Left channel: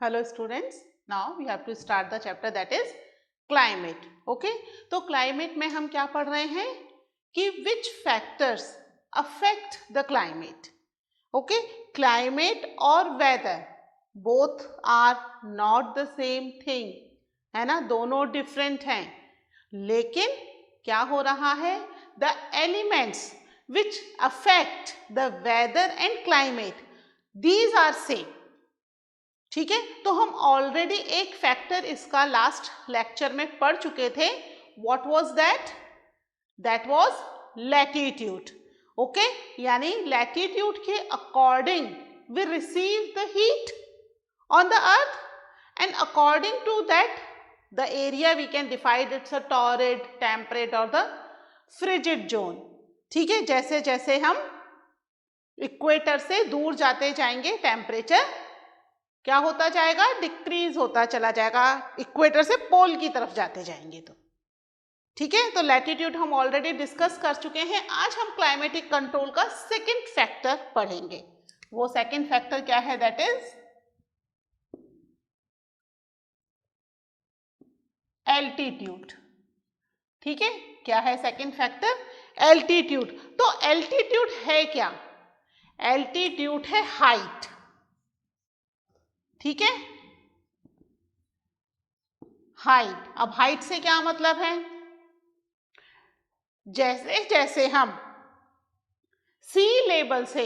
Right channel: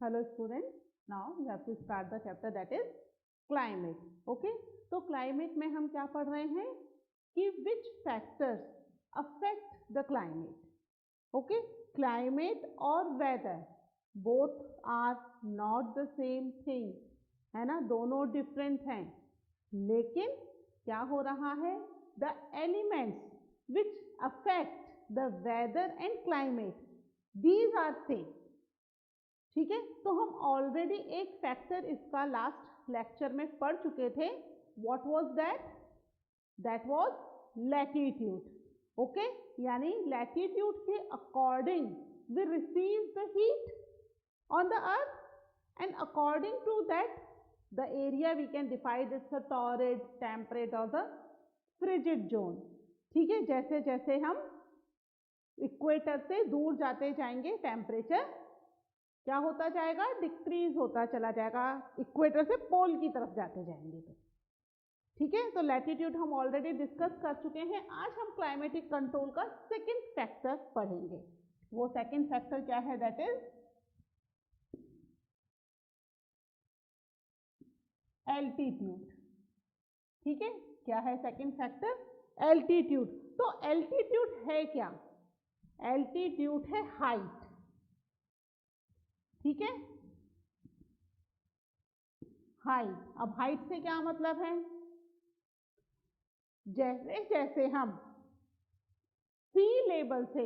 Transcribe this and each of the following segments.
Hello students, now we have to start the chapter that is climate. Okay, तो climate में हम क्या पढ़ रहे हैं कि which factors affect the climate. Okay, climate और weather both are not the same thing, है ना, दोनों different हैं, लेकिन क्या हो रहा है, the elements which affect the weather and climate, these are same. ठीक है, तो हम ऑलरेडी एक फैक्टर इसका लास्ट लेक्चर में पढ़ चुके थे. What was that? That was latitude. Okay, यानी लैटिट्यूड के according we receive the heat on the earth and according to that the area we can defined it's a torrid, temperate और the frigid zone. ठीक है, जैसे जैसे हम equator से दूर जाते जाएंगे टेम्परेचर क्या होता जाएगा, डिक्रीज होता चला जाएगा, इक्वेटर से पोल की तरफ जाते जाएंगे. तो ठीक है, तो लैटिट्यूड हम ऑलरेडी डिस्कस कर चुके हैं. आज हम क्लाइमेटिक कंट्रोल का सेकंड फैक्टर पढ़ेंगे. वो सेकंड फैक्टर क्या है? That is altitude. ठीक है, क्या है सेकंड फैक्टर? एल्टीट्यूड. तो एल्टीट्यूड है क्या? एल्टीट्यूड है हाइट. ठीक है, हाइट. अब हाइट से क्या मतलब है? जैसे जैसे हम सी लेवल से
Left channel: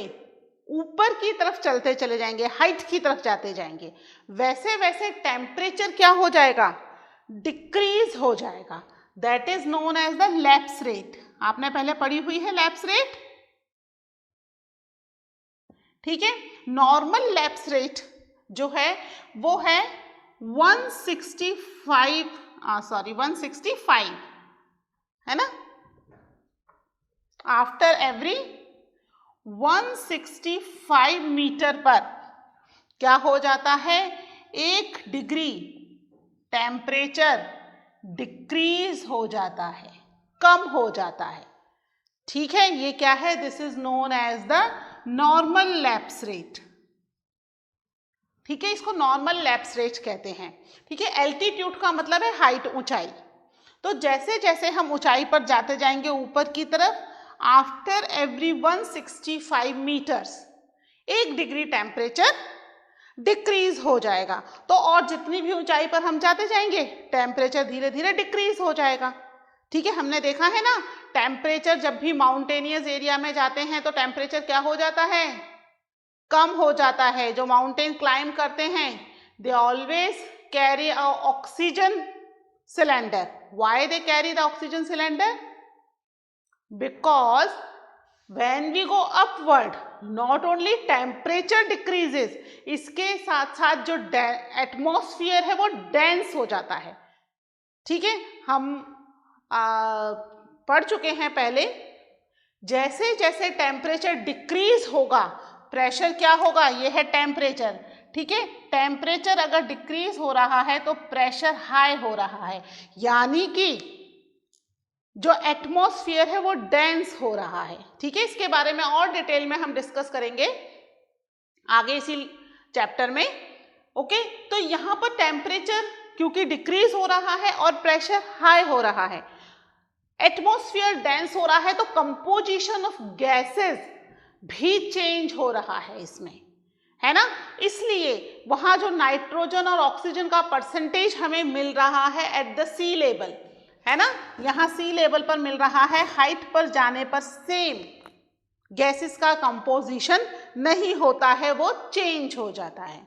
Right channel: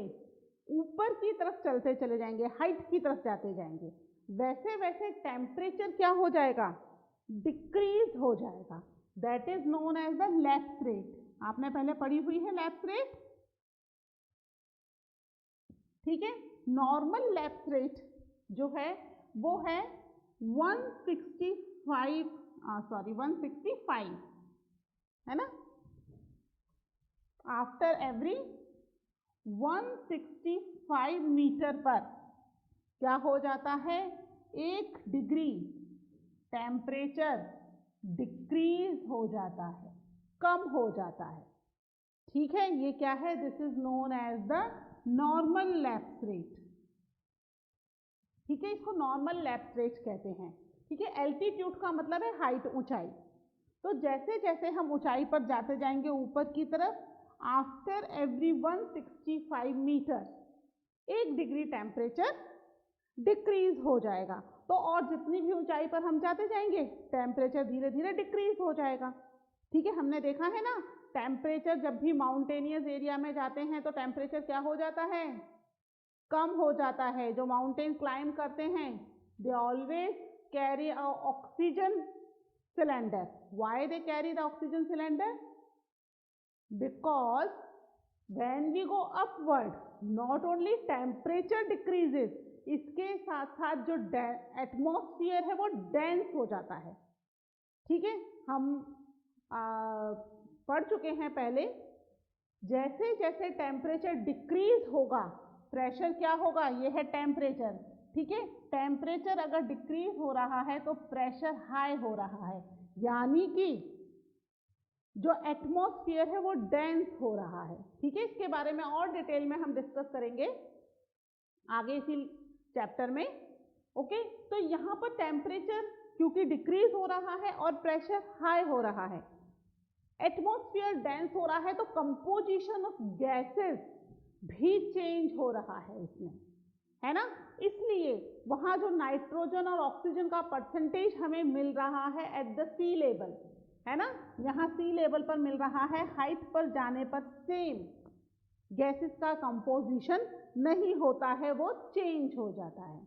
ऊपर की तरफ चलते चले जाएंगे, हाइट की तरफ जाते जाएंगे, वैसे वैसे टेम्परेचर क्या हो जाएगा? डिक्रीज हो जाएगा. That is known as the lapse rate. आपने पहले पढ़ी हुई है लैप्स रेट. ठीक है, नॉर्मल लैप्स रेट जो है वो है 165 है ना. आफ्टर एवरी 165 मीटर पर क्या हो जाता है? 1 डिग्री टेम्परेचर डिक्रीज हो जाता है, कम हो जाता है. ठीक है, ये क्या है? This is known as the normal lapse rate. ठीक है, इसको नॉर्मल लैप्स रेट कहते हैं. ठीक है, एल्टीट्यूड का मतलब है हाइट, ऊंचाई. तो जैसे जैसे हम ऊंचाई पर जाते जाएंगे ऊपर की तरफ, after every 165 metres 1 degree temperature decrease हो जाएगा. तो और जितनी भी ऊंचाई पर हम जाते जाएंगे टेम्परेचर धीरे धीरे डिक्रीज हो जाएगा. ठीक है, हमने देखा है ना, टेम्परेचर जब भी माउंटेनियस एरिया में जाते हैं तो टेम्परेचर क्या हो जाता है? कम हो जाता है. जो माउंटेन क्लाइम करते हैं they always carry a oxygen cylinder. Why they carry the oxygen cylinder? Because when we go upward, not only temperature decreases, इसके साथ साथ जो एटमॉस्फेयर है वो डेंस हो जाता है. ठीक है, हम पढ़ चुके हैं पहले, जैसे जैसे टेम्परेचर डिक्रीज होगा प्रेशर क्या होगा? ये है टेम्परेचर. ठीक है, टेम्परेचर अगर डिक्रीज हो रहा है तो प्रेशर हाई हो रहा है, यानी कि जो एटमॉस्फेयर है वो डेंस हो रहा है. ठीक है, इसके बारे में और डिटेल में हम डिस्कस करेंगे आगे इसी चैप्टर में. ओके, तो यहाँ पर टेम्परेचर क्योंकि डिक्रीज हो रहा है और प्रेशर हाई हो रहा है, एटमॉस्फेयर डेंस हो रहा है, तो कंपोजिशन ऑफ गैसेस भी चेंज हो रहा है इसमें, है ना. इसलिए वहां जो नाइट्रोजन और ऑक्सीजन का परसेंटेज हमें मिल रहा है एट द सी लेवल, है ना, यहाँ सी लेवल पर मिल रहा है, हाइट पर जाने पर सेम गैसेस का कंपोजिशन नहीं होता है, वो चेंज हो जाता है.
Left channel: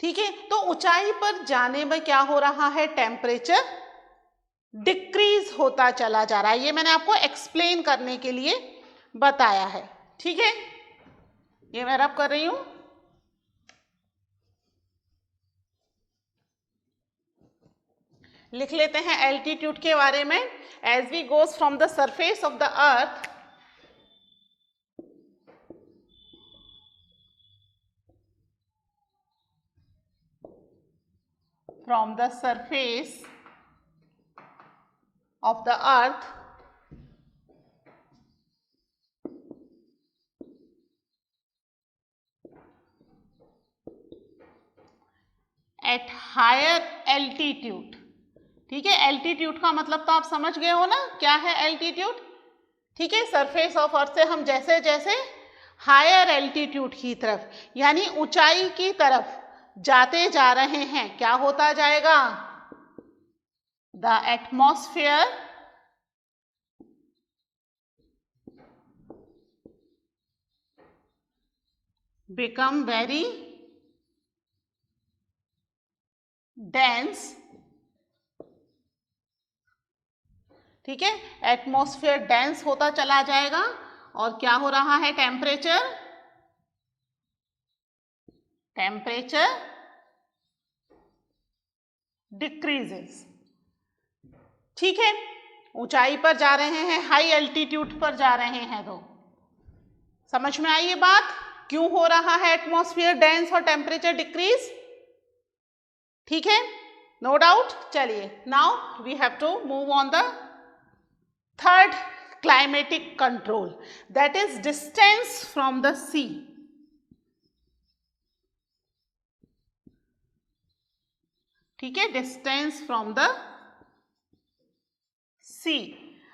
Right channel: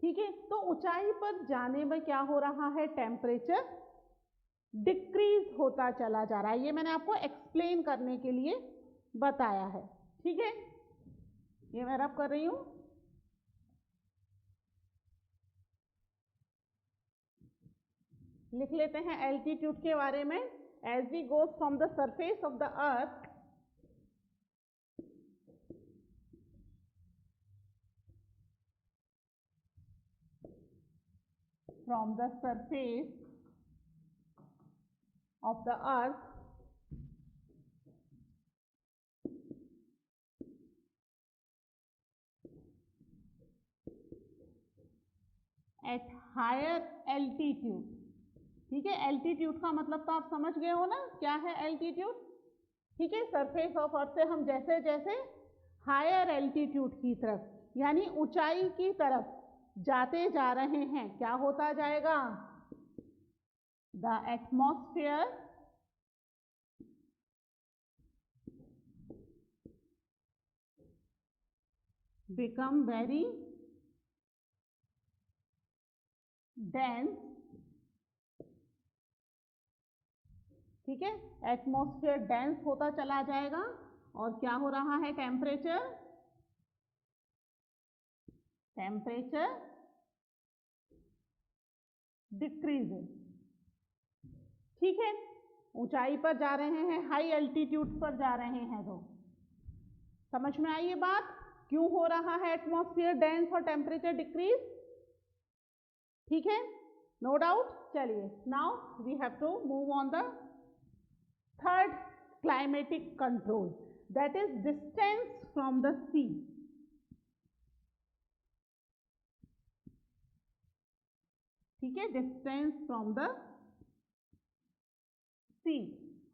ठीक है, तो ऊंचाई पर जाने में क्या हो रहा है? टेम्परेचर डिक्रीज होता चला जा रहा है. ये मैंने आपको एक्सप्लेन करने के लिए बताया है. ठीक है, ये मैं रब कर रही हूं. लिख लेते हैं एल्टीट्यूड के बारे में. As we goes from the surface of the earth, from the surface of the earth at higher altitude. ठीक है, एल्टीट्यूड का मतलब तो आप समझ गए हो ना, क्या है एल्टीट्यूड? ठीक है, सरफेस ऑफ अर्थ से हम जैसे जैसे हायर एल्टीट्यूड की तरफ यानी ऊंचाई की तरफ जाते जा रहे हैं, क्या होता जाएगा? The atmosphere become very dense. ठीक है, एटमॉस्फेयर डेंस होता चला जाएगा और क्या हो रहा है? Temperature decreases. ठीक है, ऊंचाई पर जा रहे हैं, हाई एल्टीट्यूड पर जा रहे हैं, तो समझ में आई ये बात क्यों हो रहा है एटमॉस्फेयर डेंस और टेम्परेचर डिक्रीज? ठीक है, नो डाउट। चलिए, now we have to move on the third climatic control, that is distance from the sea. ठीक है, डिस्टेंस फ्रॉम द सी।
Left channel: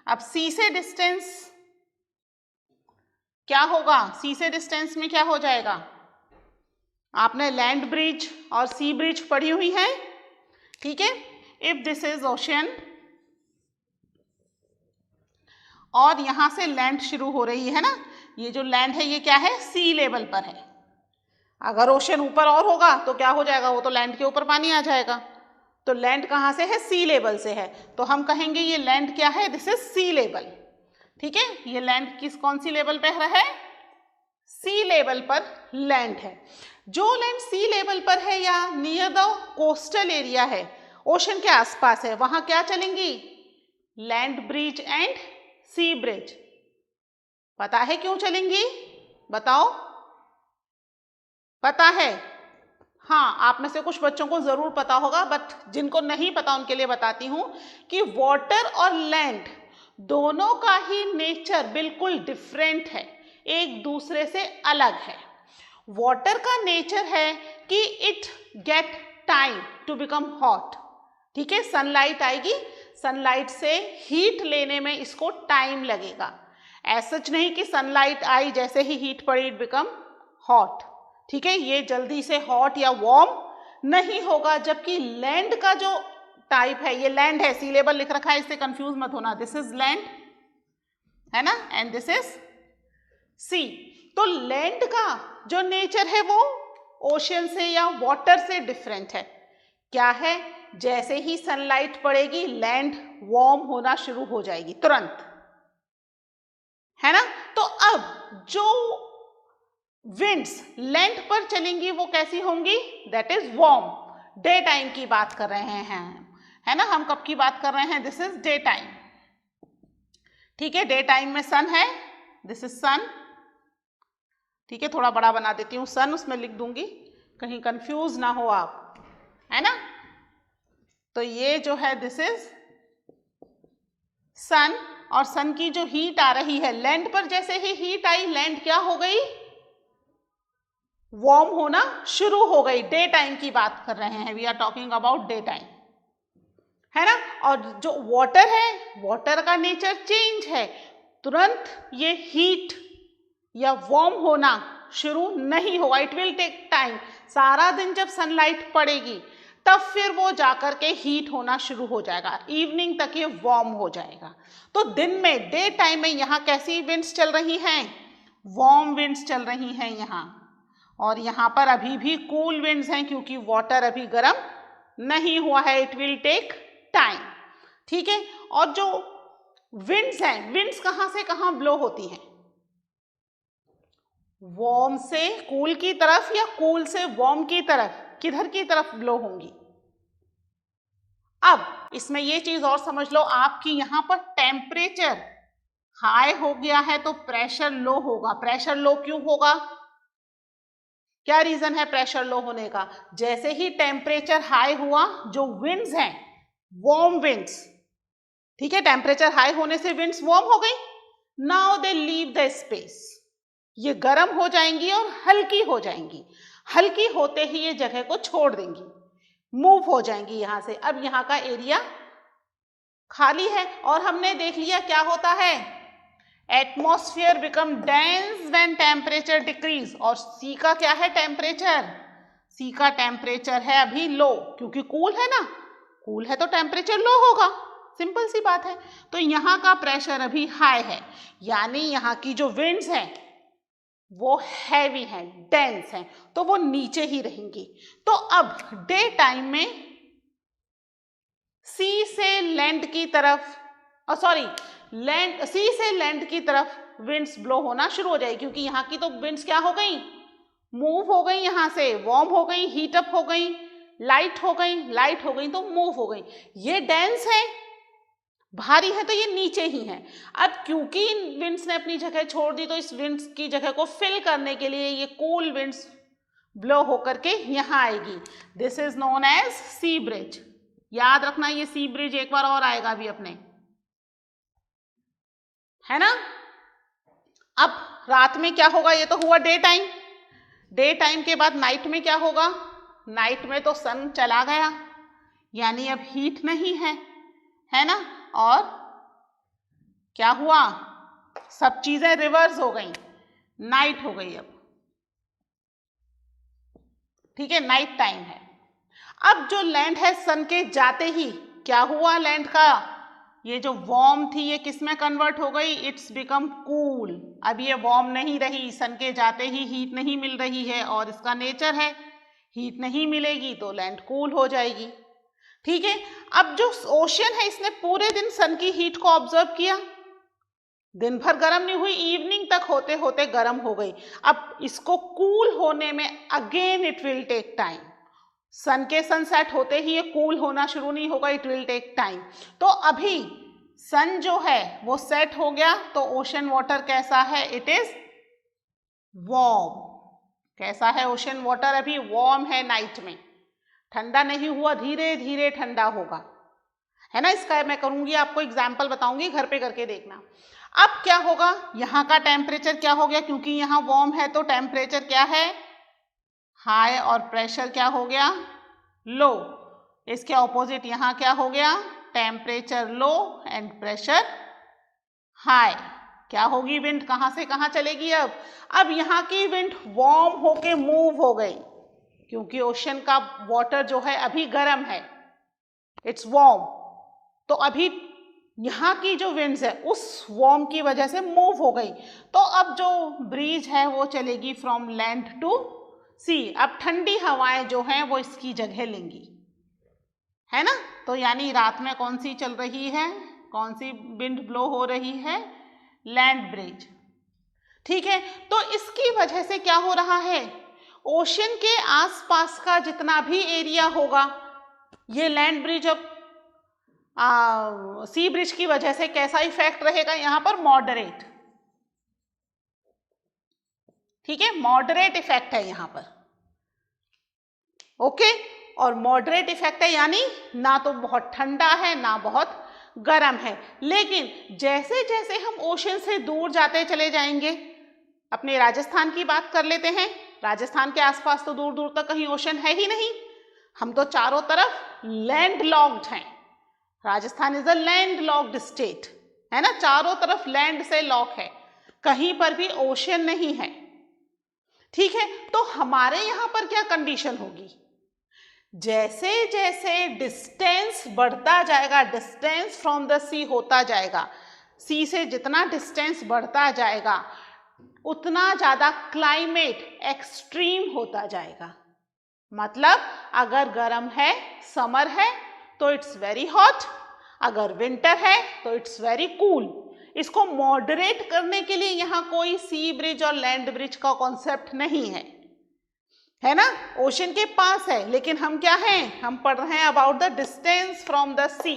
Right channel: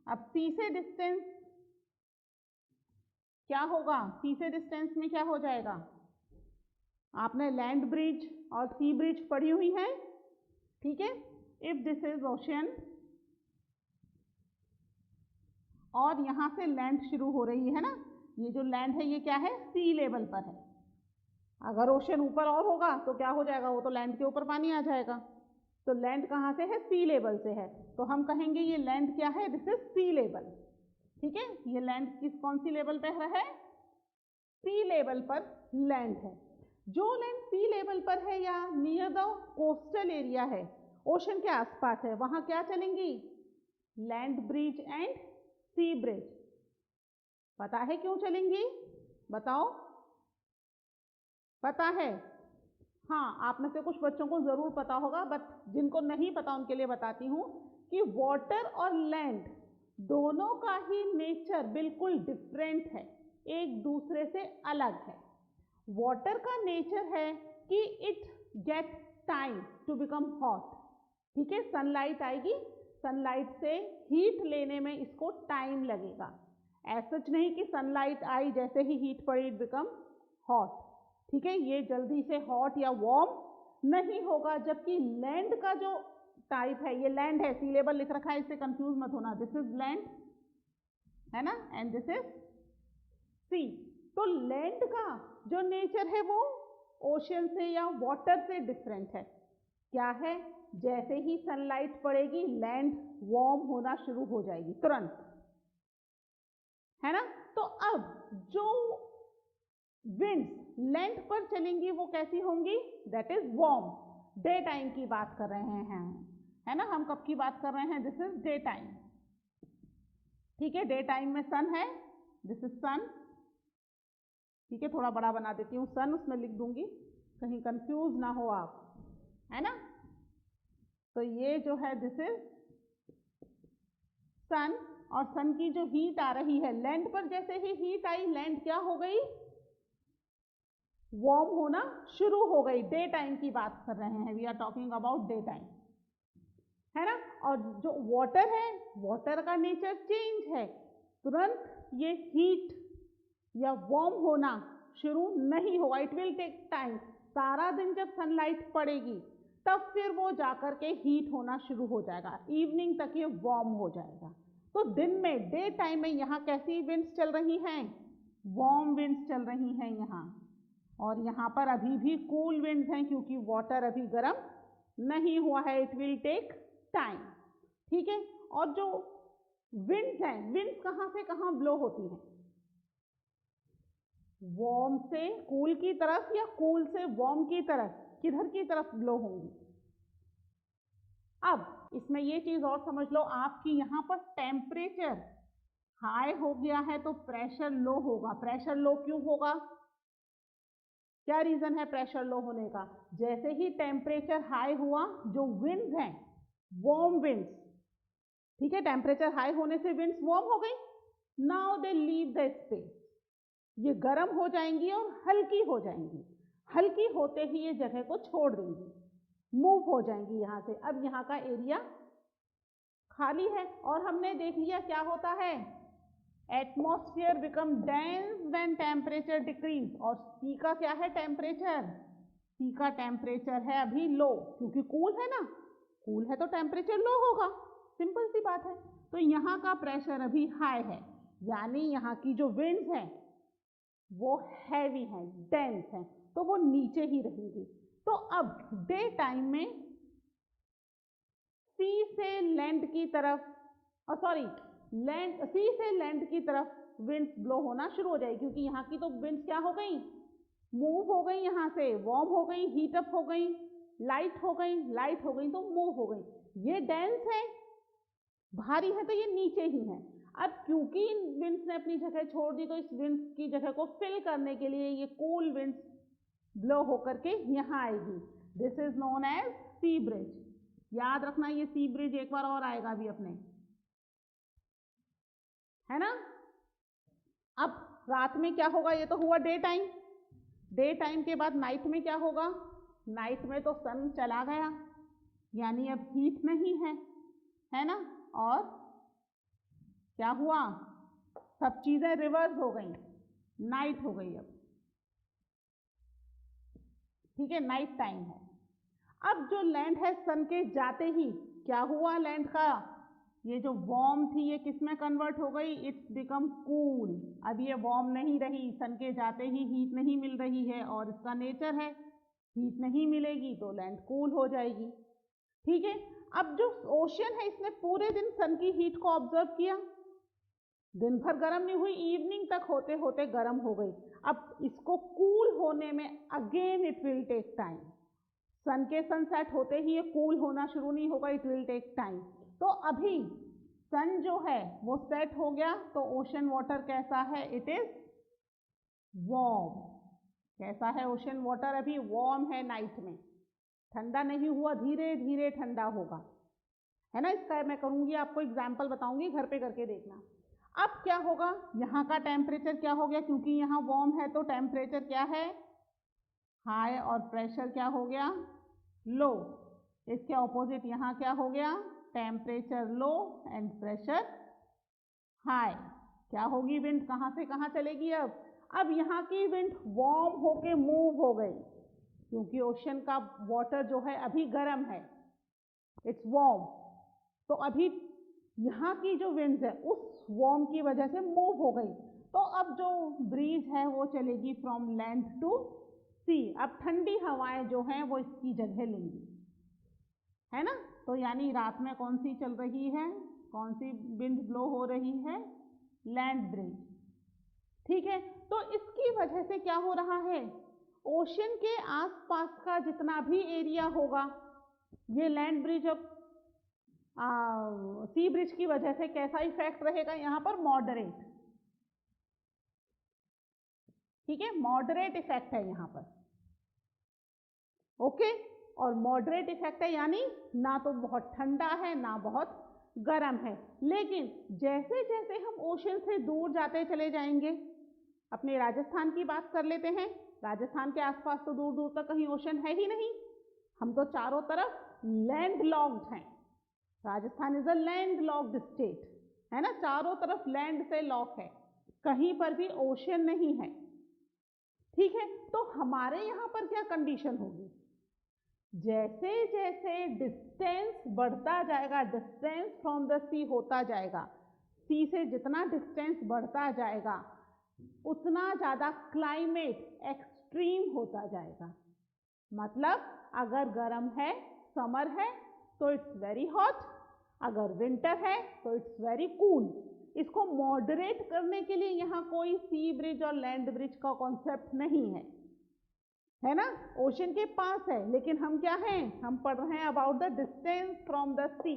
अब सी से डिस्टेंस क्या होगा? सी से डिस्टेंस में क्या हो जाएगा? आपने लैंड ब्रिज और सी ब्रिज पढ़ी हुई है। ठीक है, इफ दिस इज ओशन और यहां से लैंड शुरू हो रही है ना, ये जो लैंड है ये क्या है? सी लेवल पर है। अगर ओशन ऊपर और होगा तो क्या हो जाएगा? वो तो लैंड के ऊपर पानी आ जाएगा। तो लैंड कहाँ से है? सी लेवल से है, तो हम कहेंगे ये लैंड क्या है? This is sea level. ठीक है, ये लैंड कौन सी लेवल पे है? सी लेवल पर लैंड है। जो लैंड सी लेवल पर है या नियर द कोस्टल एरिया है, ओशन के आसपास है, वहां क्या चलेंगी? Land breeze and sea breeze. पता है क्यों चलेंगी? बताओ, पता है? हाँ, आप में से कुछ बच्चों को जरूर पता होगा, बट जिनको नहीं पता उनके लिए बताती हूं कि वाटर और लैंड दोनों का ही नेचर बिल्कुल डिफरेंट है, एक दूसरे से अलग है। वाटर का नेचर है कि it get time to become hot. ठीक है, सनलाइट आएगी, सनलाइट से हीट लेने में इसको टाइम लगेगा। ऐसा नहीं कि सनलाइट आई जैसे ही हीट पड़ी इट बिकम हॉट। ठीक है, ये जल्दी से हॉट या वार्म नहीं होगा। जबकि लैंड का जो टाइप है, ये लैंड है, सी लेवल लिख रखा है, इससे कंफ्यूज मत होना, दिस इज लैंड है ना, एंड दिस इज सी। तो लैंड का जो नेचर है वो ओशन से या वाटर से डिफरेंट है। क्या है? जैसे ही सनलाइट पड़ेगी लैंड वार्म होना शुरू हो जाएगी तुरंत, है ना। तो अब जो विंड्स लैंड पर चलेंगी वो कैसी होंगी? That is warm. Day time की बात कर रहे हैं, है ना। हम कब की बात कर रहे हैं? This is day time. ठीक है, डे टाइम में सन है, दिस इज सन। ठीक है, थोड़ा बड़ा बना देती हूँ, सन उसमें लिख दूंगी, कहीं कंफ्यूज ना हो आप, है ना। तो ये जो है दिस इज सन, और सन की जो हीट आ रही है लैंड पर, जैसे ही हीट आई लैंड क्या हो गई? वार्म होना शुरू हो गई। डे टाइम की बात कर रहे हैं, we are talking about day time, है ना। और जो वाटर है, वाटर का नेचर चेंज है, तुरंत ये हीट या वार्म होना शुरू नहीं होगा, इट विल टेक टाइम। सारा दिन जब सनलाइट पड़ेगी तब फिर वो जाकर के हीट होना शुरू हो जाएगा, इवनिंग तक ये वार्म हो जाएगा। तो दिन में, डे टाइम में यहाँ कैसी विंड्स चल रही हैं? वार्म विंड्स चल रही हैं यहाँ, और यहाँ पर अभी भी कूल विंड्स हैं क्योंकि वाटर अभी गर्म नहीं हुआ है, इट विल टेक टाइम। ठीक है, और जो विंड्स हैं, विंड्स कहाँ से कहाँ ब्लो होती हैं? वार्म से कूल की तरफ या कूल से वार्म की तरफ, किधर की तरफ ब्लो होंगी? अब इसमें ये चीज और समझ लो, आपकी यहां पर टेम्परेचर हाई हो गया है तो प्रेशर लो होगा। प्रेशर लो क्यों होगा? क्या रीजन है प्रेशर लो होने का? जैसे ही टेम्परेचर हाई हुआ, जो विंड्स हैं वार्म विंड्स, ठीक है, टेम्परेचर हाई होने से विंड्स वार्म हो गई, now they leave the space, ये गर्म हो जाएंगी और हल्की हो जाएंगी। हल्की होते ही ये जगह को छोड़ देंगी। मूव हो जाएंगी यहाँ से। अब यहाँ का एरिया खाली है और हमने देख लिया क्या होता है, atmosphere become dense when temperature decrease. और सी का क्या है टेम्परेचर, सी का टेम्परेचर है अभी लो, क्योंकि कूल है ना, कूल है तो टेम्परेचर लो होगा, सिंपल सी बात है। तो यहाँ का प्रेशर अभी हाई है, यानी यहाँ की जो विंड्स हैं वो हैवी हैं, डेंस हैं, तो वो नीचे ही रहेंगी। तो अब डे टाइम में सी से लैंड की तरफ, सी से लैंड की तरफ विंड्स ब्लो होना शुरू हो जाएगी, क्योंकि यहाँ की तो विंड्स क्या हो गई, मूव हो गई, यहाँ से वार्म हो गई, हीट अप हो गई, लाइट हो गई तो मूव हो गई। ये डेंस है, भारी है, तो ये नीचे ही है। अब क्योंकि इन विंड्स ने अपनी जगह छोड़ दी, तो इस विंड्स की जगह को फिल करने के लिए ये कूल विंड्स ब्लो होकर के यहाँ आएगी। This is known as sea breeze. याद रखना ये सी ब्रिज एक बार और आएगा अभी अपने, है ना। अब रात में क्या होगा, ये तो हुआ डे टाइम। डे टाइम के बाद नाइट में क्या होगा, नाइट में तो सन चला गया, यानी अब हीट नहीं है ना। और क्या हुआ, सब चीजें रिवर्स हो गई, नाइट हो गई अब, ठीक है, नाइट टाइम है। अब जो लैंड है सन के जाते ही क्या हुआ, लैंड का ये जो वार्म थी ये किस में कन्वर्ट हो गई, इट्स बिकम कूल। अब ये वार्म नहीं रही, सन के जाते ही हीट नहीं मिल रही है, और इसका नेचर है हीट नहीं मिलेगी तो लैंड कूल हो जाएगी, ठीक है। अब जो ओशन है इसने पूरे दिन सन की हीट को ऑब्जर्व किया, दिन भर गर्म नहीं हुई, इवनिंग तक होते होते गर्म हो गई। अब इसको कूल होने में again it will take time, sun के सनसेट होते ही ये कूल होना शुरू नहीं होगा, इट विल टेक टाइम। तो अभी सन जो है वो सेट हो गया, तो ओशन वाटर कैसा है, इट इज वार्म। कैसा है ओशन वाटर, अभी वार्म है, नाइट में ठंडा नहीं हुआ, धीरे धीरे ठंडा होगा, है ना। इसका मैं करूंगी, आपको एग्जाम्पल बताऊंगी, घर पे करके देखना। अब क्या होगा, यहाँ का टेम्परेचर क्या हो गया, क्योंकि यहाँ वार्म है तो टेम्परेचर क्या है, हाई, और प्रेशर क्या हो गया, लो। इसके ऑपोजिट यहाँ क्या हो गया, temperature low and pressure high. क्या होगी, विंड कहाँ से कहाँ चलेगी अब यहाँ की विंड वार्म होके मूव हो गई, क्योंकि ओशन का वाटर जो है अभी गर्म है, इट्स वार्म। तो अभी यहाँ की जो विंड्स है उस वार्म की वजह से मूव हो गई, तो अब जो ब्रीज है वो चलेगी फ्रॉम लैंड टू सी। अब ठंडी हवाएं जो हैं वो इसकी जगह लेंगी, है ना। तो यानी रात में कौन सी चल रही है, कौन सी विंड ब्लो हो रही है, लैंड ब्रिज, ठीक है। तो इसकी वजह से क्या हो रहा है, ओशन के आसपास का जितना भी एरिया होगा, ये लैंड ब्रिज अब सी ब्रिज की वजह से कैसा इफेक्ट रहेगा यहाँ पर, मॉडरेट, ठीक है, मॉडरेट इफेक्ट है यहाँ पर, ओके। और मॉडरेट इफेक्ट है यानी ना तो बहुत ठंडा है ना बहुत गर्म है। लेकिन जैसे जैसे हम ओशन से दूर जाते चले जाएंगे, अपने राजस्थान की बात कर लेते हैं, राजस्थान के आसपास तो दूर दूर तक कहीं ओशन है ही नहीं, हम तो चारों तरफ लैंड लॉक्ड हैं। Rajasthan is a land locked state, है ना, चारों तरफ लैंड से लॉक है, कहीं पर भी ओशन नहीं है, ठीक है। तो हमारे यहाँ पर क्या कंडीशन होगी, जैसे जैसे डिस्टेंस बढ़ता जाएगा, डिस्टेंस फ्रॉम द सी होता जाएगा, सी से जितना डिस्टेंस बढ़ता जाएगा उतना ज़्यादा क्लाइमेट एक्सट्रीम होता जाएगा। मतलब अगर गर्म है, समर है, तो इट्स वेरी हॉट, अगर विंटर है तो इट्स वेरी कूल। इसको मॉडरेट करने के लिए यहाँ कोई सी ब्रिज और लैंड ब्रिज का कॉन्सेप्ट नहीं है ना, ओशन के पास है, लेकिन हम क्या हैं, हम पढ़ रहे हैं about the distance from the sea,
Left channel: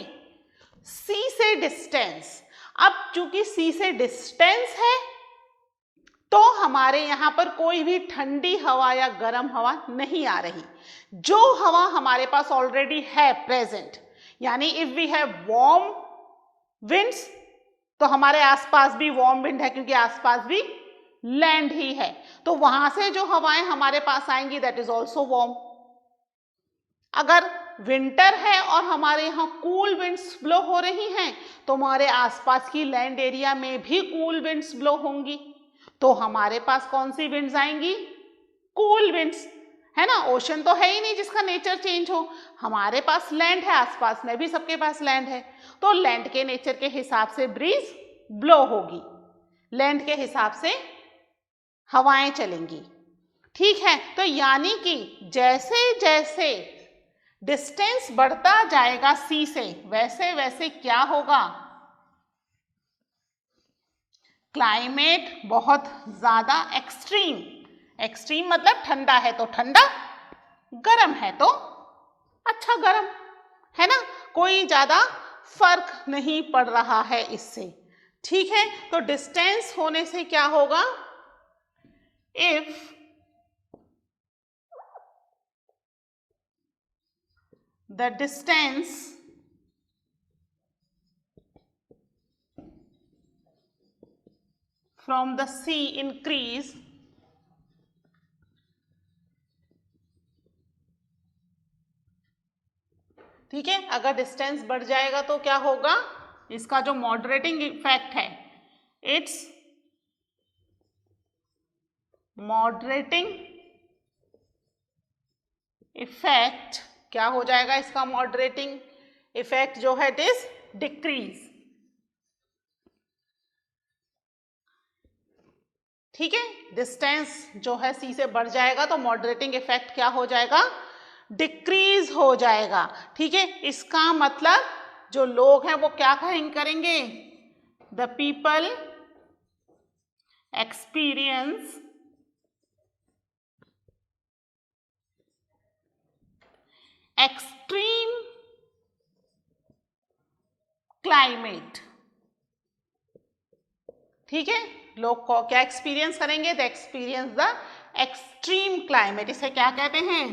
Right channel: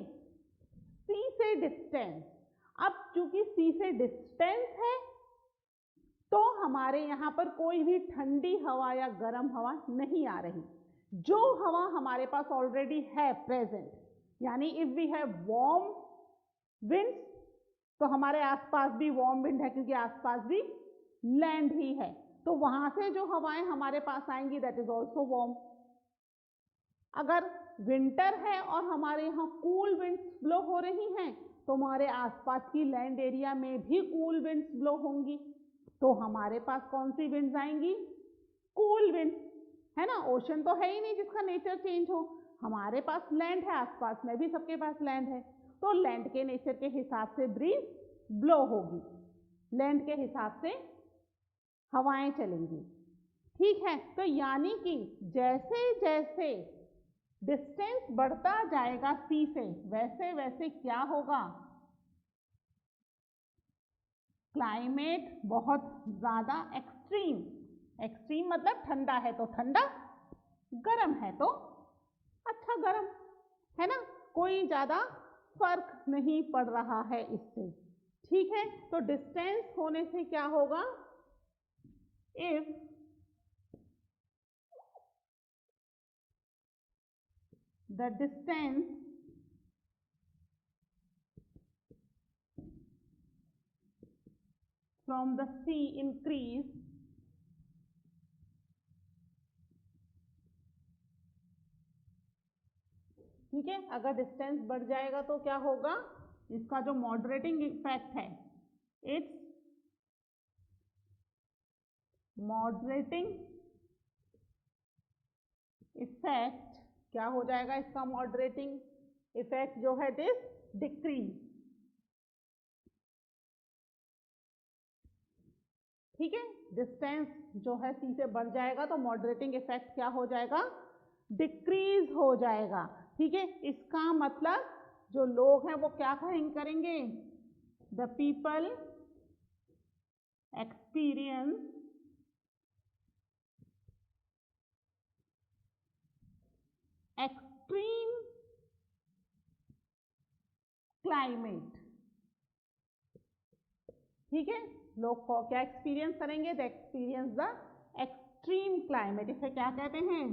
sea से डिस्टेंस। अब चूंकि सी से डिस्टेंस है तो हमारे यहाँ पर कोई भी ठंडी हवा या गर्म हवा नहीं आ रही, जो हवा हमारे पास ऑलरेडी है प्रेजेंट, यानी if we have warm winds तो हमारे आसपास भी वार्म विंड है, क्योंकि आसपास भी लैंड ही है, तो वहां से जो हवाएं हमारे पास आएंगी दैट इज ऑल्सो वार्म। अगर विंटर है और हमारे यहाँ कूल विंड्स ब्लो हो रही हैं, तो हमारे आसपास की लैंड एरिया में भी कूल विंड्स ब्लो होंगी, तो हमारे पास कौन सी विंड्स आएंगी? कूल विंड्स, है ना। ओशन तो है ही नहीं जिसका नेचर चेंज हो, हमारे पास लैंड है, आसपास में भी सबके पास लैंड है, तो लैंड के नेचर के हिसाब से ब्रीज ब्लो होगी, लैंड के हिसाब से हवाएं चलेंगी। ठीक है, तो यानी कि जैसे जैसे डिस्टेंस बढ़ता जाएगा सी से, वैसे वैसे क्या होगा? क्लाइमेट बहुत ज्यादा एक्सट्रीम, एक्सट्रीम मतलब ठंडा है तो ठंडा, गर्म है तो अच्छा गर्म, है ना, कोई ज्यादा फर्क नहीं पड़ रहा है इससे। ठीक है, तो डिस्टेंस होने से क्या होगा? If the distance from the sea increase, ठीक है, अगर डिस्टेंस बढ़ जाएगा तो क्या होगा? इसका जो मॉडरेटिंग इफेक्ट है, इट्स मॉडरेटिंग इफेक्ट क्या हो जाएगा? इसका मॉडरेटिंग इफेक्ट जो है इट इज डिक्रीज। ठीक है, डिस्टेंस जो है सी से बढ़ जाएगा तो मॉडरेटिंग इफेक्ट क्या हो जाएगा? डिक्रीज हो जाएगा। ठीक है, इसका मतलब जो लोग हैं वो क्या करेंगे? The people experience extreme climate. ठीक है, लोग को क्या एक्सपीरियंस करेंगे? The experience the extreme climate. इसे क्या कहते हैं?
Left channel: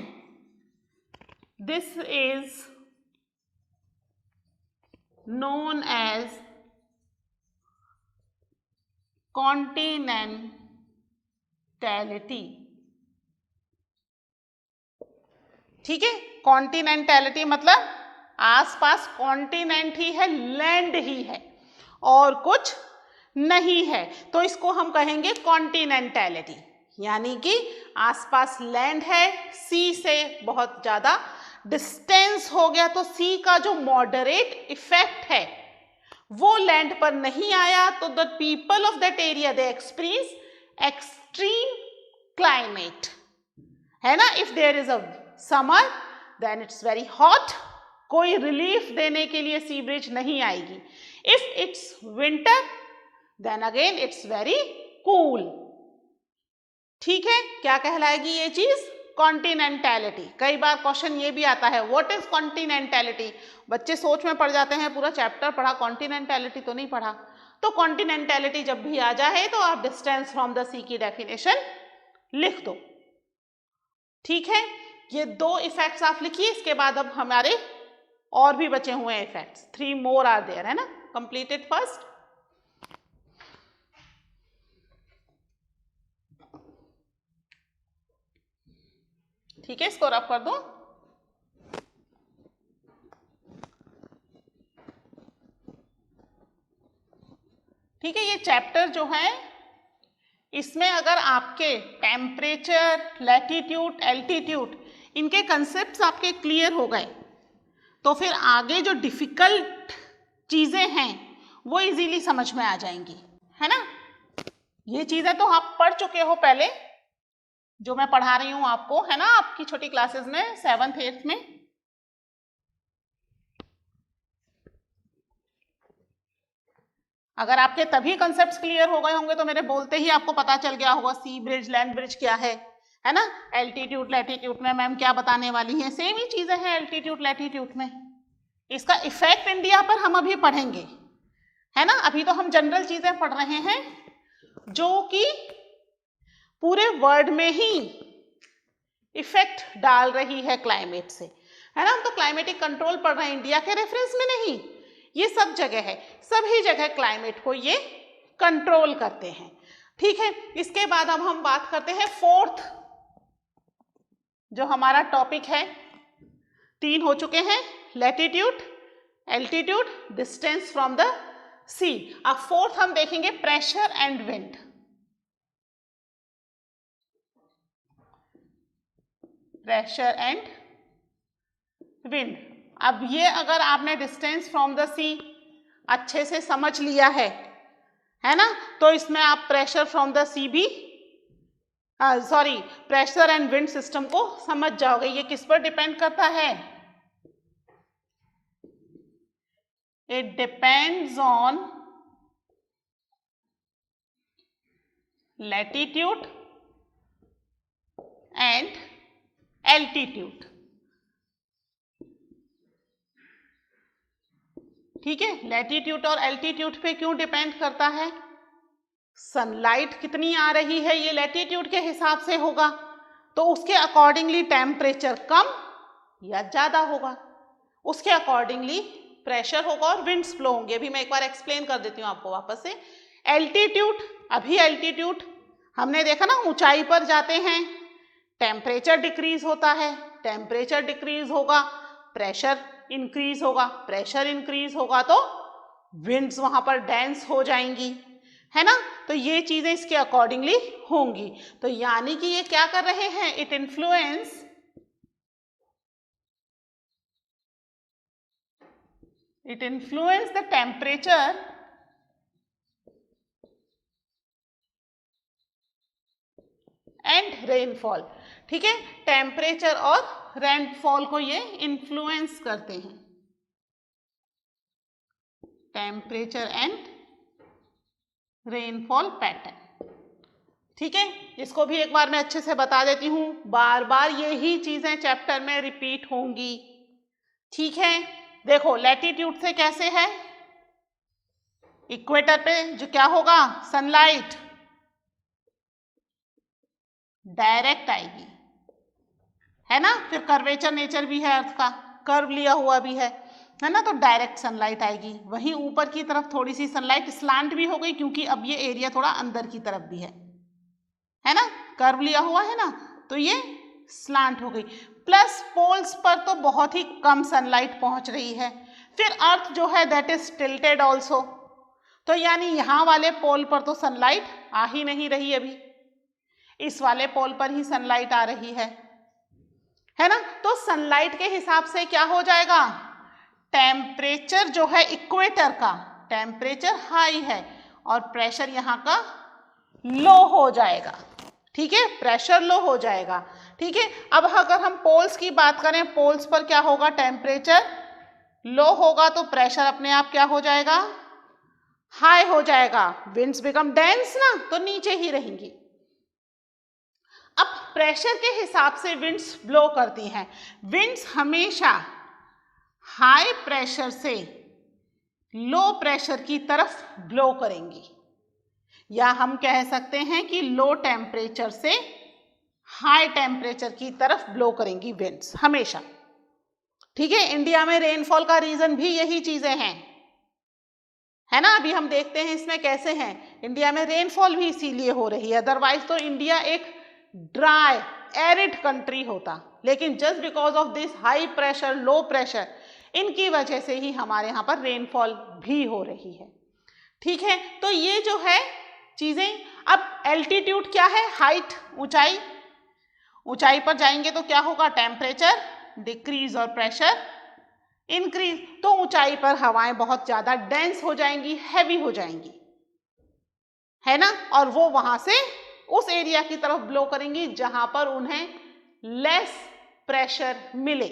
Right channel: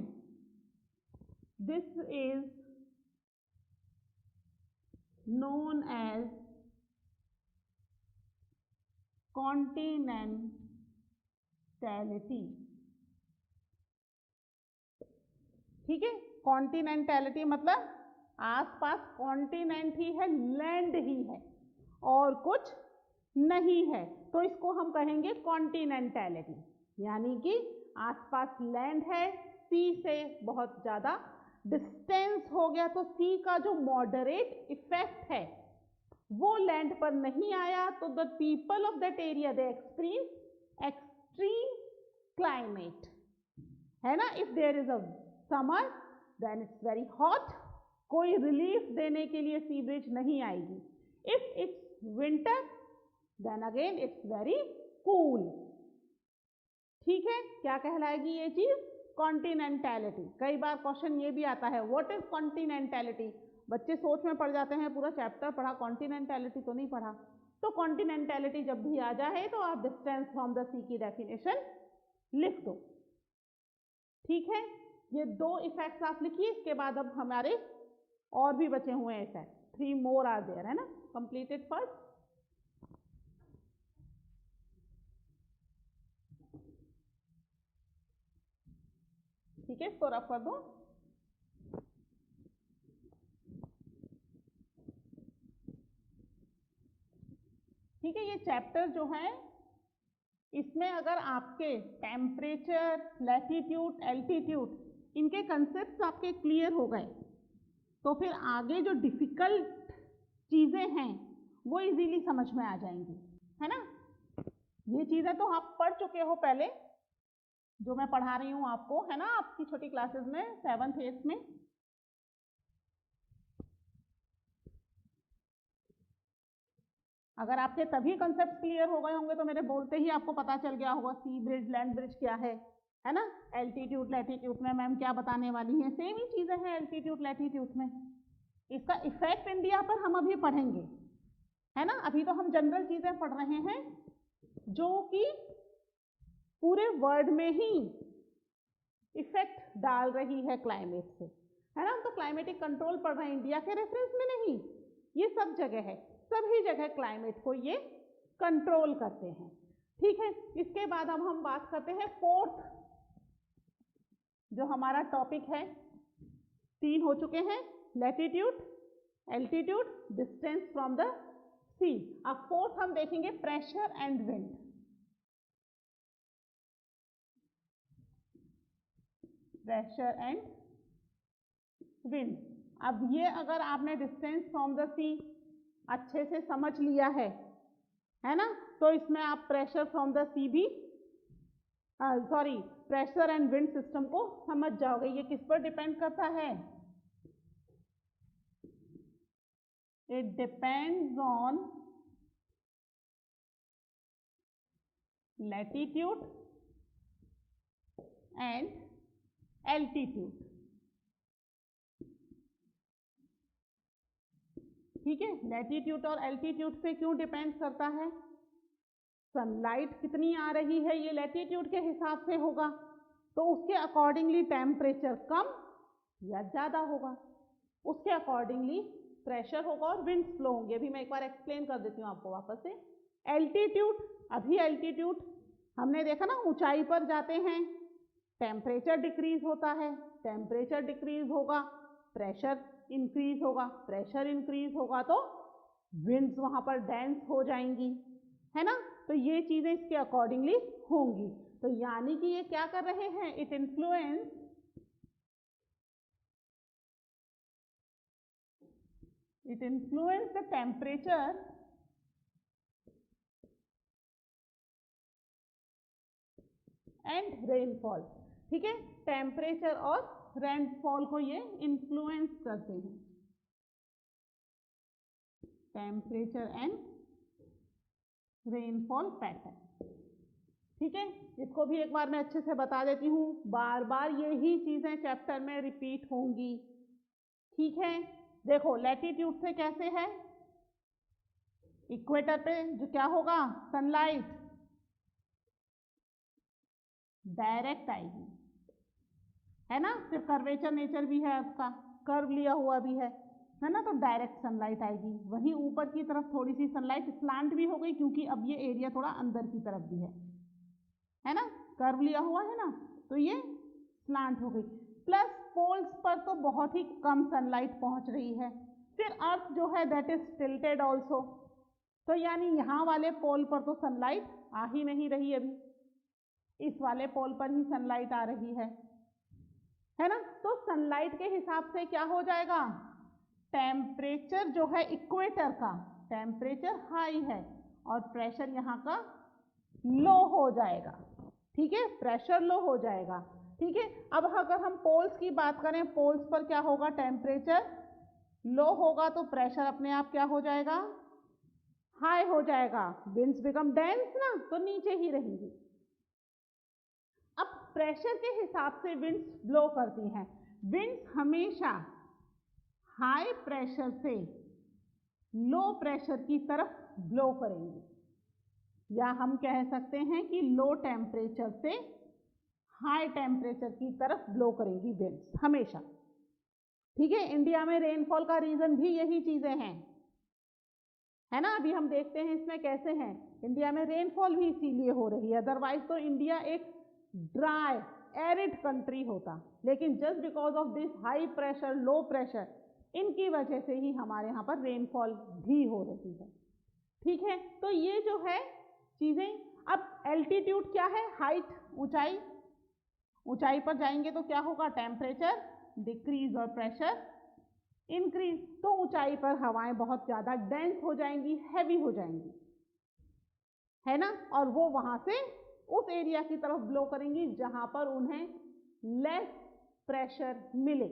This is known as कॉन्टिनेंटैलिटी। ठीक है, कॉन्टिनेंटैलिटी मतलब आसपास कॉन्टिनेंट ही है, लैंड ही है और कुछ नहीं है, तो इसको हम कहेंगे कॉन्टिनेंटैलिटी, यानी कि आसपास लैंड है, सी से बहुत ज्यादा डिस्टेंस हो गया, तो सी का जो मॉडरेट इफेक्ट है वो लैंड पर नहीं आया, तो the people of that area they experience extreme climate, है ना। If there is a summer then it's very hot, कोई रिलीफ देने के लिए सी ब्रिज नहीं आएगी। If it's winter then again it's very cool. ठीक है, क्या कहलाएगी ये चीज? कॉन्टिनेंटैलिटी। कई बार क्वेश्चन ये भी आता है, व्हाट इज कॉन्टिनेंटैलिटी? बच्चे सोच में पड़ जाते हैं, पूरा चैप्टर पढ़ा, कॉन्टिनेंटैलिटी तो नहीं पढ़ा। तो कॉन्टिनेंटैलिटी जब भी आ जाए तो आप डिस्टेंस फ्रॉम द सी की डेफिनेशन लिख दो। ठीक है, ये दो इफेक्ट्स आप लिखिए, इसके बाद अब हमारे और भी बचे हुए हैं इफेक्ट्स, 3 more आर देयर, है ना। Completed first. ठीक है, इसको रफ कर दो। ठीक है, ये चैप्टर जो है इसमें अगर आपके टेम्परेचर, लैटिट्यूड, एल्टीट्यूड इनके कंसेप्ट्स आपके क्लियर हो गए तो फिर आगे जो डिफिकल्ट चीजें हैं वो इजीली समझ में आ जाएंगी, है ना। ये चीजें तो आप पढ़ चुके हो पहले, जो मैं पढ़ा रही हूं आपको, है ना, आपकी छोटी क्लासेस में 7th 8th में। अगर आपके तभी कंसेप्ट्स क्लियर हो गए होंगे तो मेरे बोलते ही आपको पता चल गया होगा सी ब्रिज, लैंड ब्रिज क्या है ना। एल्टीट्यूड लैटिट्यूड में मैम क्या बताने वाली हैं, सेम ही चीजें हैं एल्टीट्यूड लैटिट्यूड में। इसका इफेक्ट इंडिया पर हम अभी पढ़ेंगे, है ना। अभी तो हम जनरल चीजें पढ़ रहे हैं जो कि पूरे वर्ल्ड में ही इफेक्ट डाल रही है क्लाइमेट से, है ना। हम तो क्लाइमेटिक कंट्रोल पढ़ रहे हैं, इंडिया के रेफरेंस में नहीं, ये सब जगह है, सभी जगह क्लाइमेट को ये कंट्रोल करते हैं। ठीक है, इसके बाद अब हम बात करते हैं 4th जो हमारा टॉपिक है, 3 हो चुके हैं, latitude, altitude, distance from the sea. अब फोर्थ हम देखेंगे pressure and wind. Pressure and wind. अब ये अगर आपने डिस्टेंस फ्रॉम द सी अच्छे से समझ लिया है ना, तो इसमें आप प्रेशर फ्रॉम द सी भी प्रेशर एंड विंड सिस्टम को समझ जाओगे। ये किस पर डिपेंड करता है? It depends on latitude and altitude. ठीक है, लैटिट्यूड और एल्टीट्यूड पे क्यों डिपेंड करता है? सनलाइट कितनी आ रही है ये लैटिट्यूड के हिसाब से होगा, तो उसके अकॉर्डिंगली टेम्परेचर कम या ज़्यादा होगा, उसके अकॉर्डिंगली प्रेशर होगा और विंड्स फ्लो होंगे। अभी मैं एक बार एक्सप्लेन कर देती हूँ आपको वापस से। एल्टीट्यूड, अभी एल्टीट्यूड हमने देखा ना, ऊंचाई पर जाते हैं टेम्परेचर डिक्रीज होता है, टेम्परेचर डिक्रीज होगा प्रेशर इंक्रीज होगा, प्रेशर इंक्रीज होगा तो विंड्स वहां पर डेंस हो जाएंगी, है ना। तो ये चीजें इसके अकॉर्डिंगली होंगी। तो यानी कि ये क्या कर रहे हैं? It influence the temperature and rainfall. ठीक है, टेम्परेचर और रेनफॉल को ये इन्फ्लुएंस करते हैं, टेम्परेचर एंड रेनफॉल पैटर्न। ठीक है, इसको भी एक बार मैं अच्छे से बता देती हूँ, बार बार यही चीजें चैप्टर में रिपीट होंगी। ठीक है, देखो लैटिट्यूड से कैसे है, इक्वेटर पे जो क्या होगा, सनलाइट डायरेक्ट आएगी, है ना। फिर कर्वेचर नेचर भी है अर्थ का, कर्व लिया हुआ भी है ना, तो डायरेक्ट सनलाइट आएगी। वहीं ऊपर की तरफ थोड़ी सी सनलाइट स्लांट भी हो गई, क्योंकि अब ये एरिया थोड़ा अंदर की तरफ भी है ना, कर्व लिया हुआ है ना, तो ये स्लांट हो गई। प्लस पोल्स पर तो बहुत ही कम सनलाइट पहुंच रही है। फिर अर्थ जो है दैट इज टिल्टेड ऑल्सो, तो यानी यहाँ वाले पोल पर तो सनलाइट आ ही नहीं रही, अभी इस वाले पोल पर ही सनलाइट आ रही है ना। तो सनलाइट के हिसाब से क्या हो जाएगा, टेम्परेचर जो है इक्वेटर का टेम्परेचर हाई है और प्रेशर यहाँ का लो हो जाएगा। ठीक है, प्रेशर लो हो जाएगा। ठीक है, अब अगर हम पोल्स की बात करें, पोल्स पर क्या होगा, टेम्परेचर लो होगा तो प्रेशर अपने आप क्या हो जाएगा, हाई हो जाएगा। विंड्स बिकम डेंस ना, तो नीचे ही रहेंगी। अब प्रेशर के हिसाब से विंड्स ब्लो करती हैं। विंड्स हमेशा हाई प्रेशर से लो प्रेशर की तरफ ब्लो करेंगी, या हम कह सकते हैं कि लो टेम्परेचर से हाई टेम्परेचर की तरफ ब्लो करेंगी विंड्स हमेशा। ठीक है, इंडिया में रेनफॉल का रीजन भी यही चीजें हैं, है ना। अभी हम देखते हैं इसमें कैसे हैं, इंडिया में रेनफॉल भी इसीलिए हो रही है, अदरवाइज तो इंडिया एक ड्राई एरिड कंट्री होता, लेकिन just because of this high pressure low pressure, इनकी वजह से ही हमारे यहाँ पर रेनफॉल भी हो रही है। ठीक है, तो ये जो है चीजें। अब एल्टीट्यूड क्या है, हाइट, ऊंचाई, ऊंचाई पर जाएंगे तो क्या होगा, टेम्परेचर डिक्रीज और प्रेशर इंक्रीज। तो ऊंचाई पर हवाएं बहुत ज्यादा डेंस हो जाएंगी, हैवी हो जाएंगी, है ना, और वो वहां से उस एरिया की तरफ ब्लो करेंगी जहां पर उन्हें लेस प्रेशर मिले।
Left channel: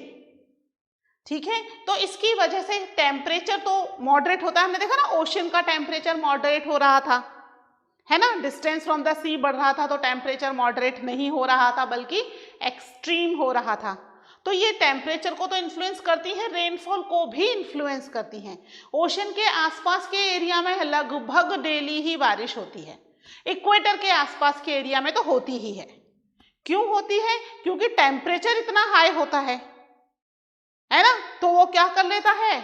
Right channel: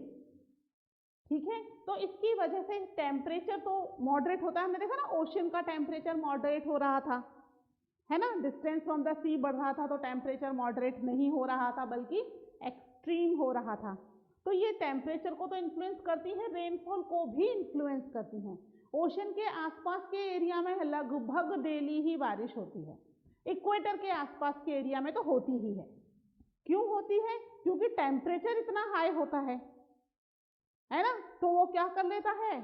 ठीक है, तो इसकी वजह से टेम्परेचर तो मॉडरेट होता है। हमने देखा ना, ओशन का टेम्परेचर मॉडरेट हो रहा था, है ना, डिस्टेंस फ्रॉम द सी बढ़ रहा था तो टेम्परेचर मॉडरेट नहीं हो रहा था बल्कि एक्सट्रीम हो रहा था। तो ये टेम्परेचर को तो इन्फ्लुएंस करती हैं, रेनफॉल को भी इन्फ्लुएंस करती हैं। ओशन के आसपास के एरिया में लगभग डेली ही बारिश होती है, इक्वेटर के आसपास के एरिया में तो होती ही है। क्यों होती है, क्योंकि टेम्परेचर इतना हाई होता है ना, तो वो क्या कर लेता है,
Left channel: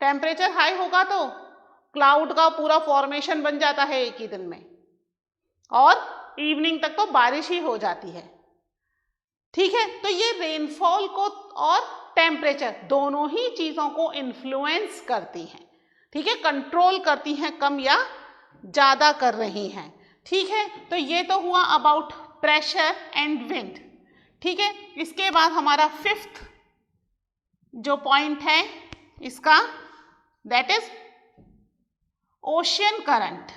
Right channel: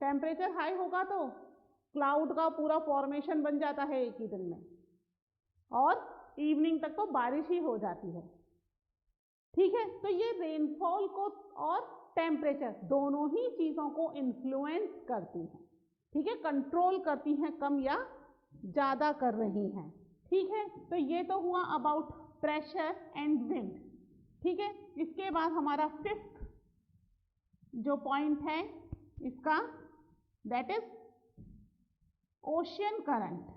टेम्परेचर हाई होगा तो क्लाउड का पूरा फॉर्मेशन बन जाता है एक ही दिन में, और इवनिंग तक तो बारिश ही हो जाती है। ठीक है, तो ये रेनफॉल को और टेम्परेचर, दोनों ही चीजों को इन्फ्लुएंस करती हैं, ठीक है, कंट्रोल करती हैं, कम या ज्यादा कर रही हैं, ठीक है। तो ये तो हुआ अबाउट प्रेशर एंड विंड, ठीक है। इसके बाद हमारा फिफ्थ जो पॉइंट है इसका, that is ocean current.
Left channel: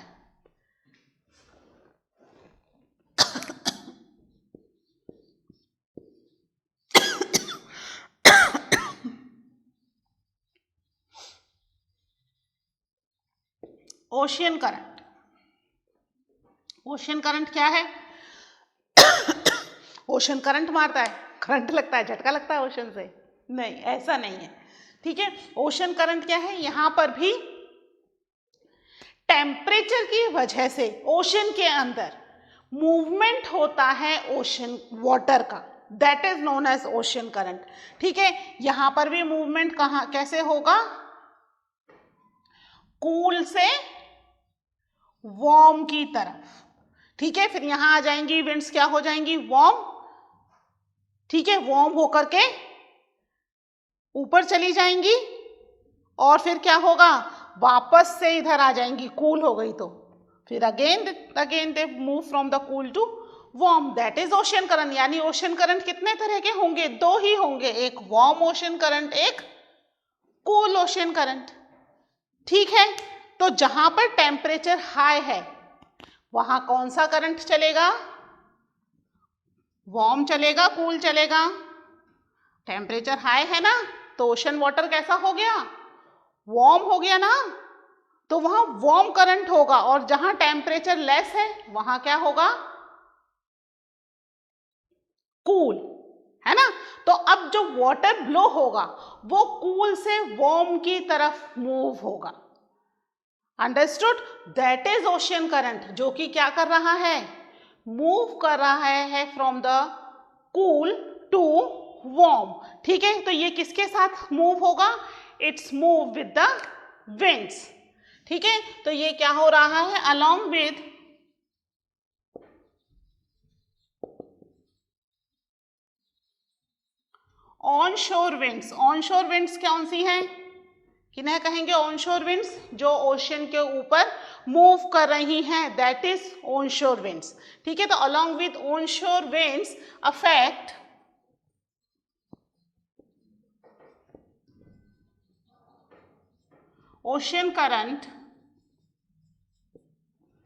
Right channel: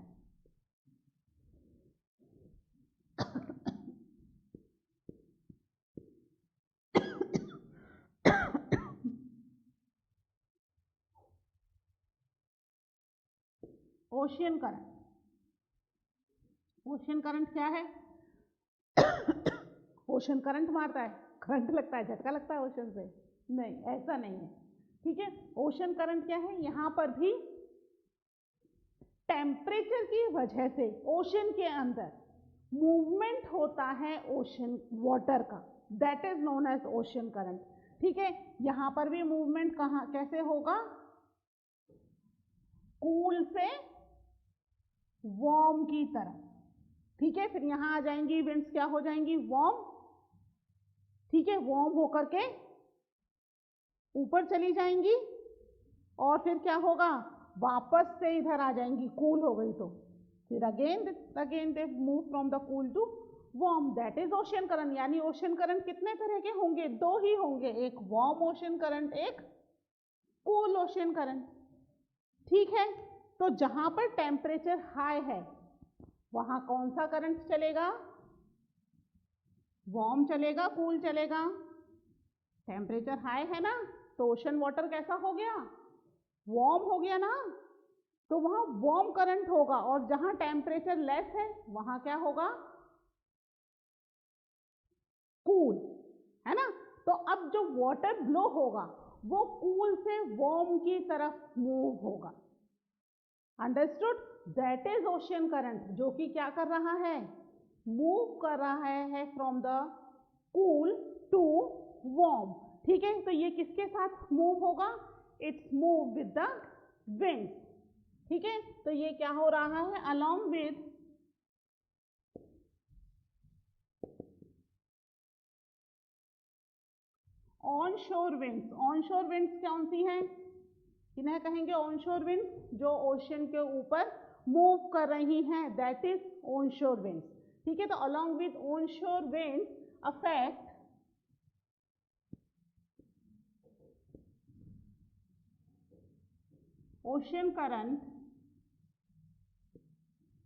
Ocean current, ocean current क्या है? ओशन करंट मारता है, करंट लगता है, झटका लगता है ओशन से? नहीं, ऐसा नहीं है, ठीक है। ओशन करंट क्या है? यहां पर भी टेम्परेचर की वजह से ओशन के अंदर मूवमेंट होता है ओशन वाटर का, that is known as ocean current, ठीक है। यहां पर भी मूवमेंट कहां कैसे होगा? कूल से वार्म की तरफ, ठीक है। फिर यहां आ जाएंगी विंड्स, क्या हो जाएंगी? वार्म, ठीक है, वार्म होकर के ऊपर चली जाएंगी और फिर क्या होगा? वापस से इधर आ जाएंगी, कूल हो गई तो फिर again they move from the cool to warm, that is ocean current. यानी ओशन करंट कितने तरह के होंगे? दो ही होंगे, एक वार्म ओशन करंट, एक कूल ओशन करंट, ठीक है। तो जहां पर टेम्परेचर हाई है वहां कौन सा करंट चलेगा? वार्म चलेगा, कूल चलेगा? टेम्परेचर हाई है ना, तो ओशन वाटर कैसा हो गया? वार्म हो गया ना, तो वहां वार्म करंट होगा, और जहां टेम्परेचर लेस है वहां क्या होगा? कूल, है ना। तो अब जो वाटर ब्लो होगा वो कूल से वार्म की तरफ मूव होगा, understood? That is ocean current, जो कि क्या कर रहा है? मूव कर रहा है from the cool to warm, ठीक है। तो ये किसके साथ मूव होगा? It's move with the winds, ठीक है। तो ये क्या हो रहा है? Along with on shore winds. On shore winds कौन सी हैं? किन्हें कहेंगे ऑन शोर विंड्स? जो ओशन के ऊपर मूव कर रही हैं, that is on shore winds, ठीक है। तो along with on shore winds affect ocean current,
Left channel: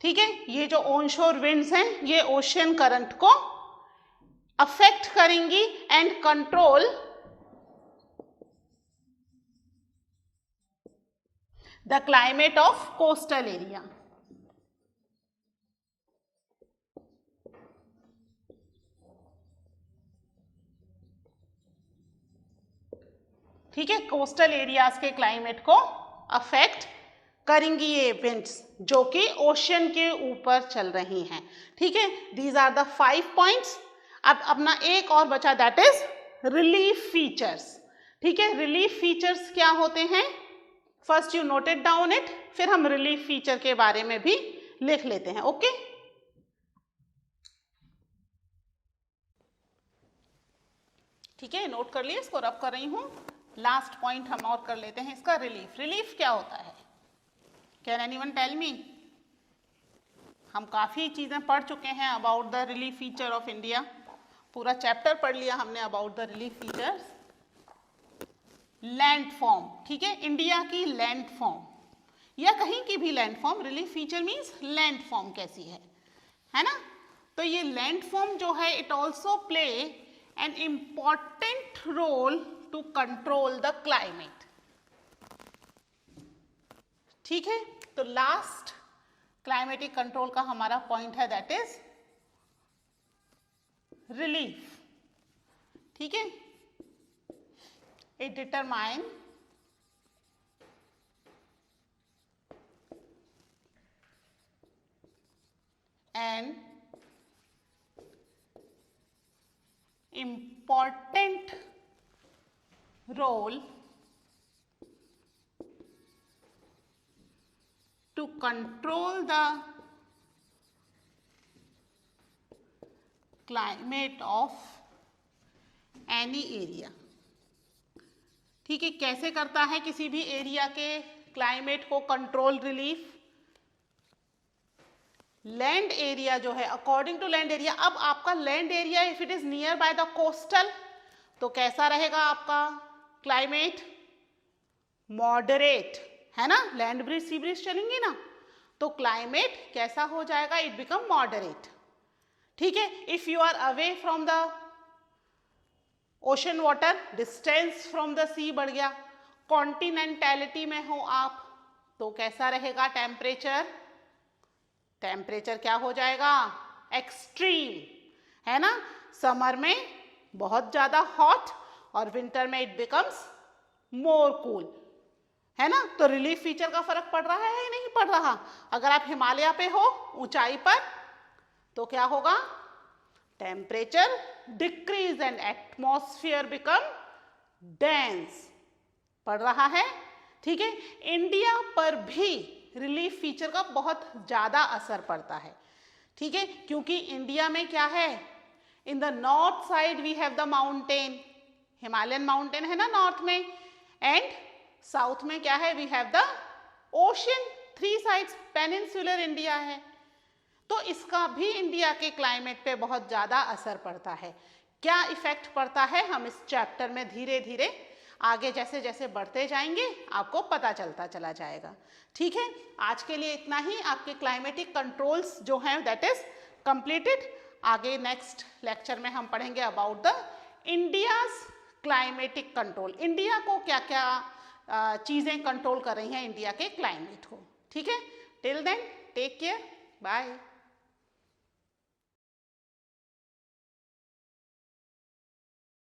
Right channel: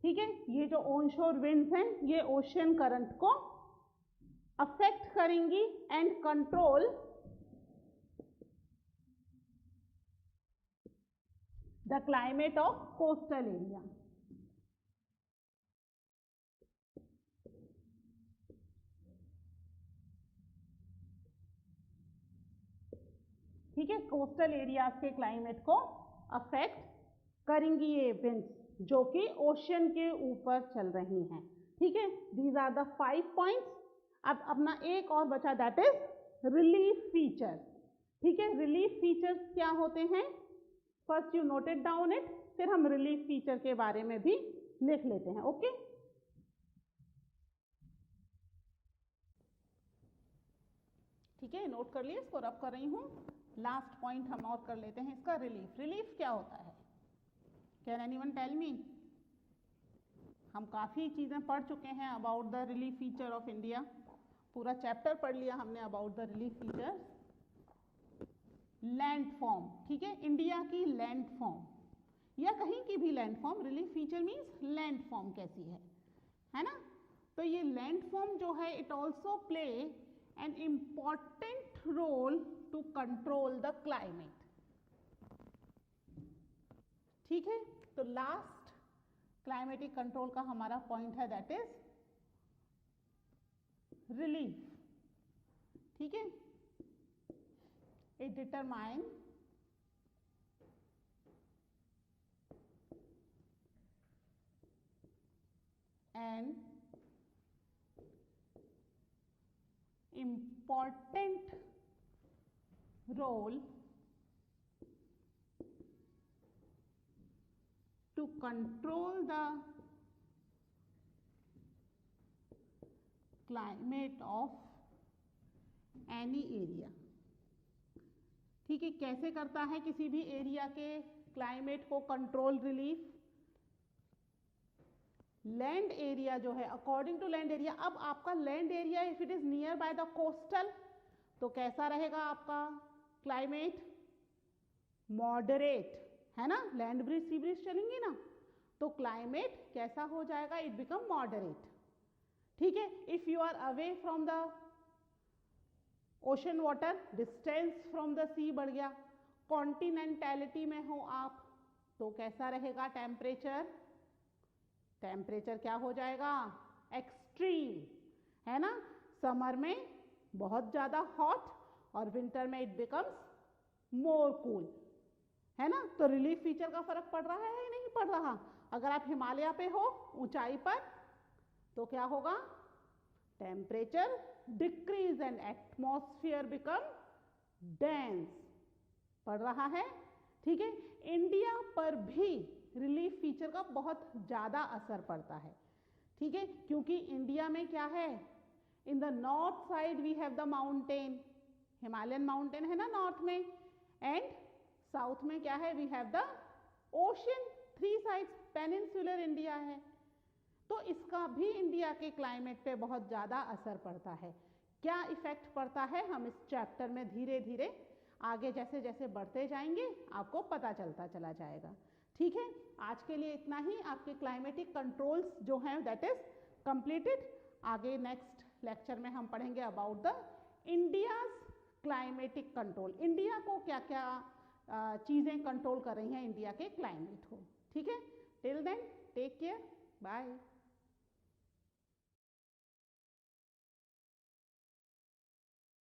ठीक है। ये जो ऑन शोर विंड्स हैं ये ओशन करंट को अफेक्ट करेंगी and control the climate of coastal area, ठीक है। कोस्टल एरियाज के क्लाइमेट को अफेक्ट करेंगी ये विंड्स जो कि ओशन के ऊपर चल रही हैं, ठीक है। These are the 5 points. अब अपना एक और बचा, दैट इज रिलीफ फीचर्स, ठीक है। रिलीफ फीचर्स क्या होते हैं? First you note it down it, फिर हम रिलीफ फीचर के बारे में भी लिख लेते हैं, ओके। ठीक है, नोट कर लिए, इसको रब कर रही हूं। लास्ट पॉइंट हम और कर लेते हैं इसका, रिलीफ। रिलीफ क्या होता है? Can anyone tell me? हम काफ़ी चीज़ें पढ़ चुके हैं about the relief feature of India, पूरा चैप्टर पढ़ लिया हमने about the relief features. Land form, ठीक है, इंडिया की लैंड फॉर्म या कहीं की भी land form, relief feature means land form कैसी है ना। तो ये लैंड फॉर्म जो है it also play an important role to control the climate, ठीक है। तो लास्ट क्लाइमेटिक कंट्रोल का हमारा पॉइंट है दैट इज रिलीफ, ठीक है। It determine an important role to control the climate of any area, ठीक है, कैसे करता है किसी भी एरिया के क्लाइमेट को कंट्रोल रिलीफ? लैंड एरिया जो है, अकॉर्डिंग टू लैंड एरिया। अब आपका land area if it is near by the coastal, तो कैसा रहेगा आपका क्लाइमेट? मॉडरेट, है ना, लैंड ब्रिज सी ब्रिज चलेंगी ना, तो क्लाइमेट कैसा हो जाएगा? It become moderate. ठीक है, if you are away from the ocean water, distance from the sea बढ़ गया, कॉन्टिनेंटैलिटी में हो आप, तो कैसा रहेगा टेम्परेचर? टेम्परेचर क्या हो जाएगा? एक्सट्रीम, है ना, समर में बहुत ज्यादा हॉट और विंटर में इट बिकम्स मोर कूल, है ना। तो रिलीफ फीचर का फर्क पड़ रहा है या नहीं पड़ रहा? अगर आप हिमालय पे हो, ऊंचाई पर, तो क्या होगा? Temperature decrease and atmosphere become dense, पड़ रहा है। ठीक है, इंडिया पर भी रिलीफ फीचर का बहुत ज्यादा असर पड़ता है। ठीक है, क्योंकि इंडिया में क्या है, in the north side we have the mountain, Himalayan mountain है ना नॉर्थ में, एंड साउथ में क्या है? We have the ocean, three sides, peninsular India है। तो इसका भी इंडिया के क्लाइमेट पे बहुत ज्यादा असर पड़ता है। क्या इफेक्ट पड़ता है, हम इस चैप्टर में धीरे धीरे आगे जैसे जैसे बढ़ते जाएंगे आपको पता चलता चला जाएगा। ठीक है, आज के लिए इतना ही। आपके क्लाइमेटिक कंट्रोल्स जो हैं दैट इज कंप्लीटेड। आगे नेक्स्ट लेक्चर में हम पढ़ेंगे about the India's climatic control, India को क्या क्या चीजें कंट्रोल कर रही हैं इंडिया के क्लाइमेट को। ठीक है, till then take care, bye.